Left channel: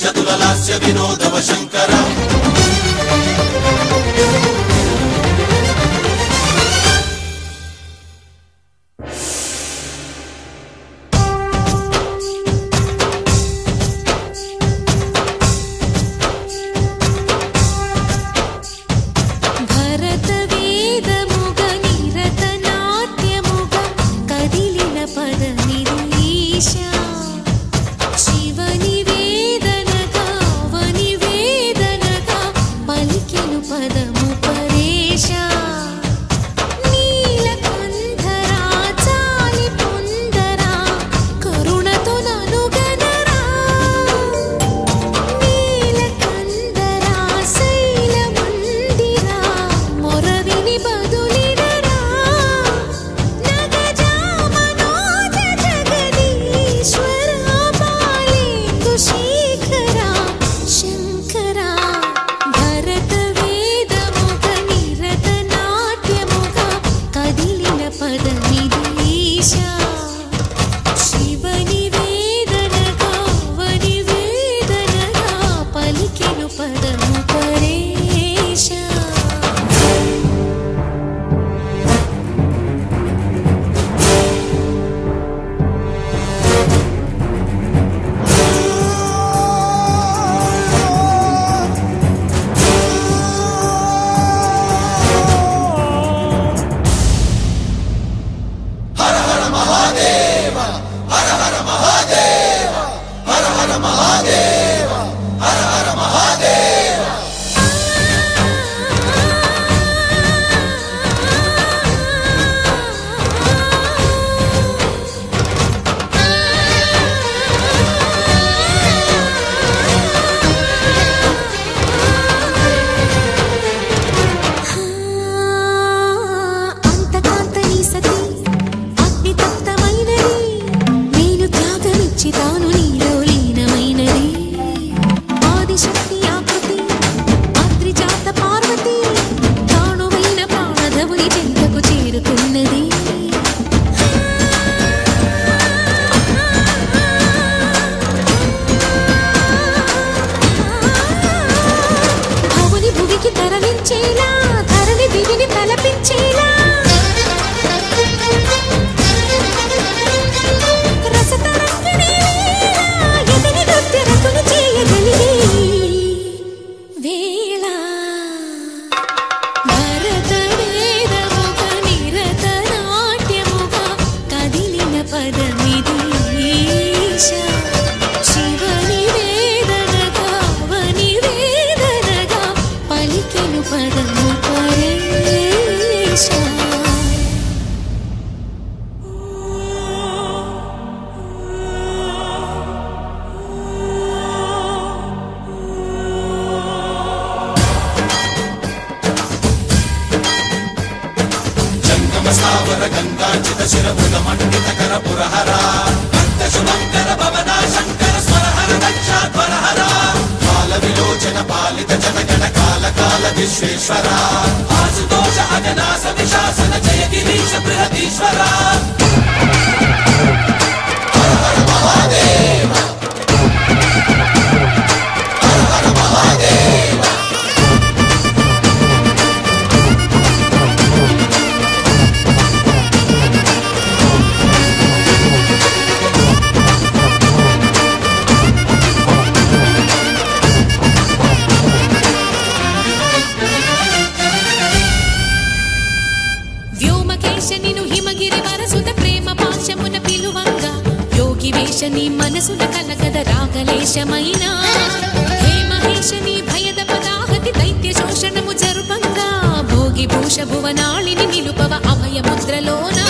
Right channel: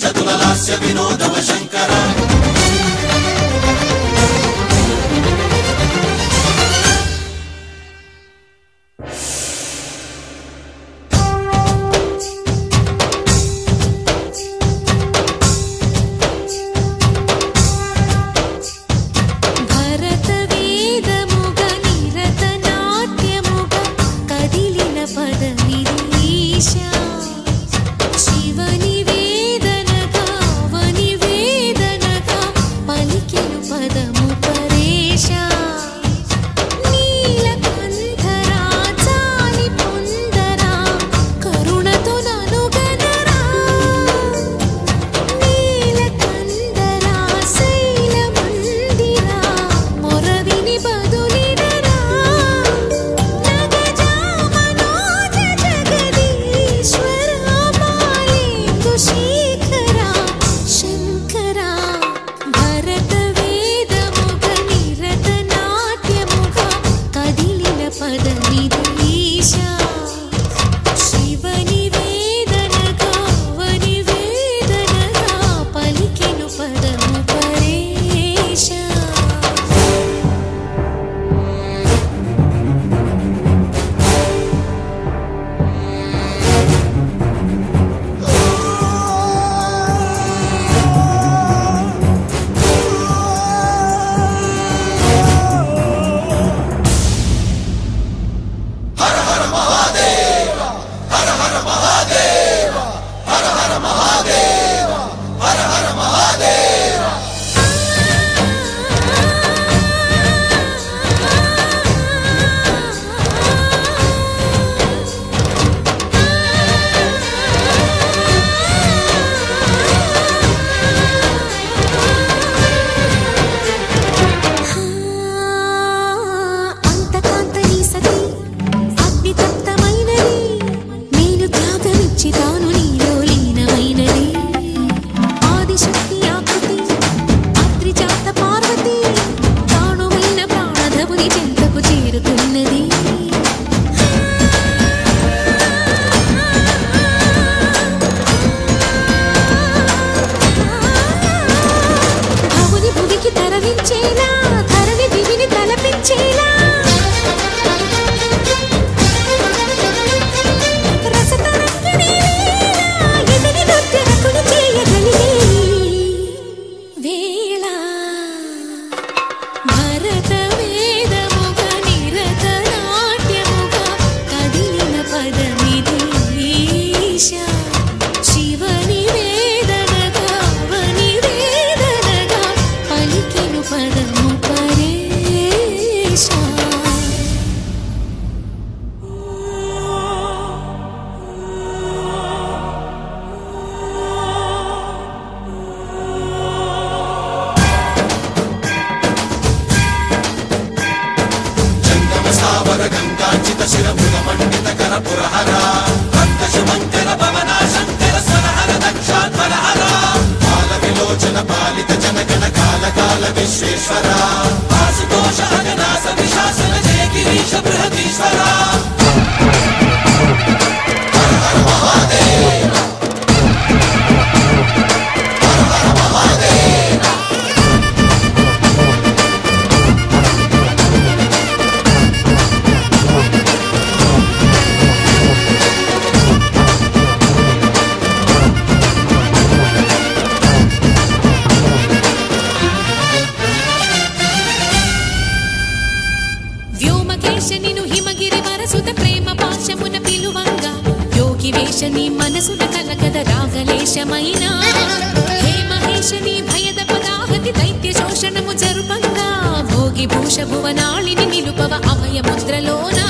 చతుల లాస్య వినోదవ శంకర తాను నీలో లీనమైనది ఆదిశక్తి ఆకృతి ఆత్రిజాత పార్వతి తానువైన ప్రాణధవుని చెంతకు చేరుకున్నది భవుని భువికి తరలించేలా ధరణి దివిని తలపించేలా చేయగలిగే వేళ భరత వేదముగ నిరత నాట్యముగా కదిలిన పదమిది ఈశా శివని వేదనగా వని వేదనగా పలికెను పదము పరేశా గంగాచిత శిరపుల మండిత కర పురహర అంత శుభంకర భవన శంకర స్వరహర దక్షాధ్వరహర కాల విలోచన పాలిత జనగణ కాల కాల విశ్వేశ్వర ఆశుతోష అజనాస విశాసన జయ గిరీశ బృహదీశ్వర హర హర మహాదేవ హర హర మహాదేవ వ్యోమకేశనిను హిమగిరి వరసుత ప్రేమ పాశమున పిలువంగా యోగి వేషని మనసున కలకద రాగలేశమైన హే మహేశని భయద పదాహతి దైత్య శోషణము జరుపంగా భోగి భూష భువనాళిని నిలుపవ అభయ ముద్రలోనా